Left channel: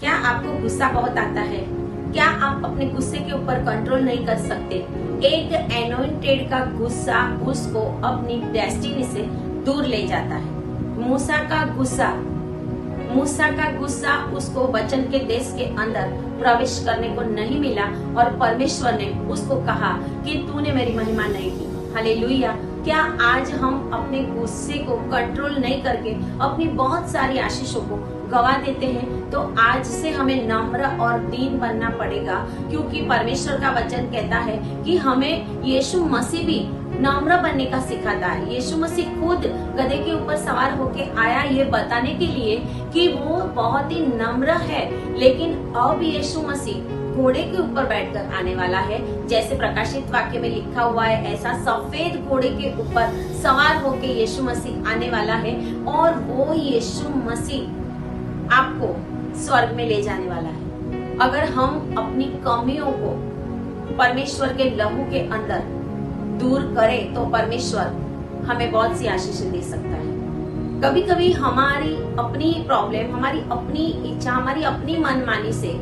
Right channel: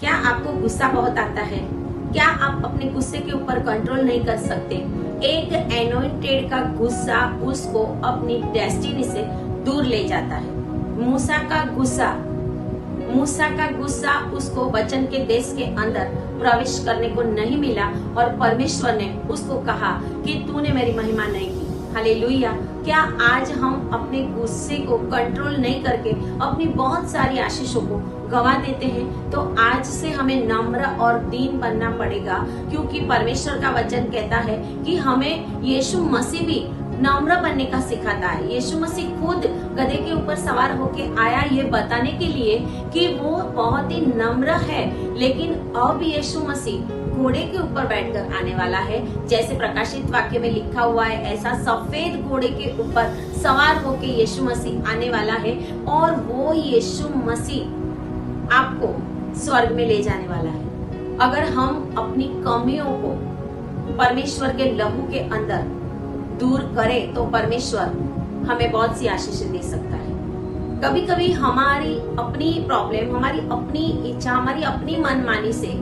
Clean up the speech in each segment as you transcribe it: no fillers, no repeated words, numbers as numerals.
क्या आपको गुस्सा बहुत आता है? क्या आप अपने गुस्से के ऊपर कंट्रोल नहीं कर सकते? एक एनोइंटेड का गुस्सा उसको अपनी डेस्टिनी से दूर ले जाता है। मूसा का गुस्सा उसको वचन के देश के अंदर प्रवेश करने को नहीं मिला और परमेश्वर ने उसको कहा कि तूने मेरी महिमा नहीं की। हालेलुया। क्या आज हम अपने गुस्से को कंट्रोल नहीं करके अपनी बहुत सारी आशीषों को गवा देते हैं? तो आज से हमें नम्र और दीन बनना पड़ेगा, क्योंकि परमेश्वर का वचन कहता है कि हमें यीशु मसीह भी नम्र बनने का सिखाता है। यीशु मसीह खुद गधे के ऊपर सवार होके आया ये बताने के लिए कि वो बहुत ही नम्र है, लेकिन अब यीशु मसीह घोड़े के ऊपर बैठकर आने वाला है। जैसे प्रकाशित वाक्य में लिखा हुआ है, ऐसा सफेद घोड़े के ऊपर सवार होके यीशु मसीह आने वाला है और वो यीशु मसीह आपको स्वर्ग में ले जाने वाला है। अगर हम अपनी कमियों को परमेश्वर के लहू के अंदर दूर करें तो परमेश्वर हमें बहुत सी आशीषें दे सकता है। कभी कभी हमारी अपनी प्रॉब्लम, हमारी अपनी इच्छा, हमारी अपनी मनमानी से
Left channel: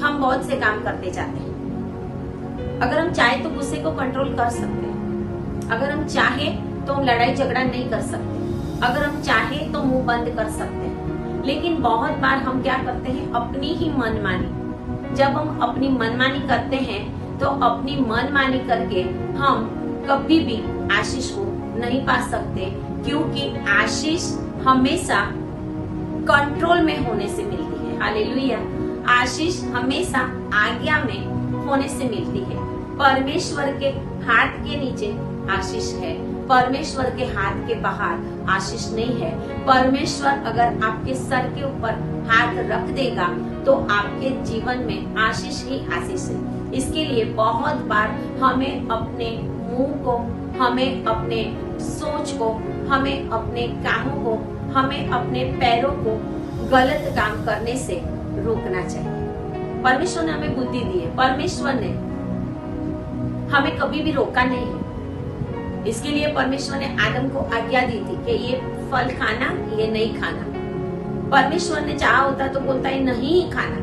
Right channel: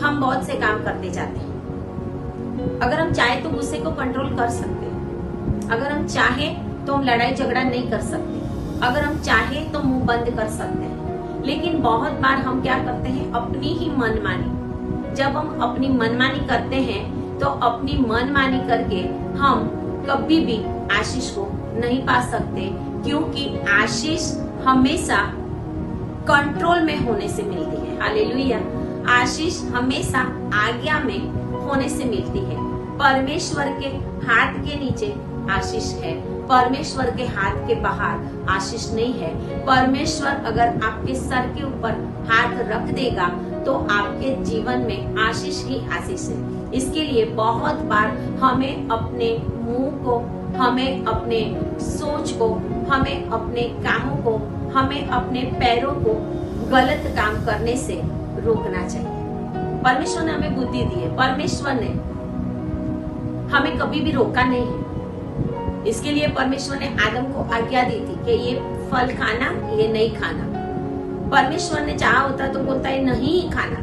हम बहुत से काम करते जाते हैं। अगर हम चाहे तो गुस्से को कंट्रोल कर सकते हैं। अगर हम चाहे तो हम लड़ाई झगड़ा नहीं कर सकते। अगर हम चाहे तो मुंह बंद कर सकते हैं। लेकिन बहुत बार हम क्या करते हैं, अपनी ही मनमानी। जब हम अपनी मनमानी करते हैं तो अपनी मनमानी करके हम कभी भी आशीष को नहीं पा सकते, क्योंकि आशीष हमेशा कंट्रोल में होने से मिलती है। हालेलुया। आशीष हमेशा आज्ञा में होने से मिलती है। परमेश्वर के हाथ के नीचे आशीष है, परमेश्वर के हाथ के बाहर आशीष नहीं है। परमेश्वर अगर आपके सर के ऊपर हाथ रख देगा तो आपके जीवन में आशीष ही आशीष है। इसके लिए बहुत बार हमें अपने मुंह को, हमें अपने सोच को, हमें अपने कामों को, हमें अपने पैरों को गलत काम करने से रोकना चाहिए। परमेश्वर ने हमें बुद्धि दी है, परमेश्वर ने हमें कभी भी रोका नहीं है। इसके लिए परमेश्वर ने आदम को आज्ञा दी थी कि ये फल खाना, ये नहीं खाना। परमेश्वर ने चाहा होता तो बोलता है नहीं खाना,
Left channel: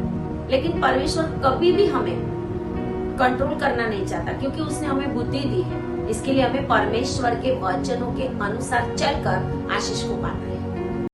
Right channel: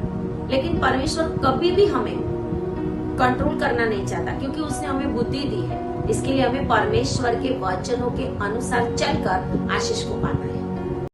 लेकिन परमेश्वर कभी भी हमें कंट्रोल करना नहीं चाहता, क्योंकि उसने हमें बुद्धि दी है। इसके लिए हमें परमेश्वर के वचनों के अनुसार चलकर आशीष को पाना है।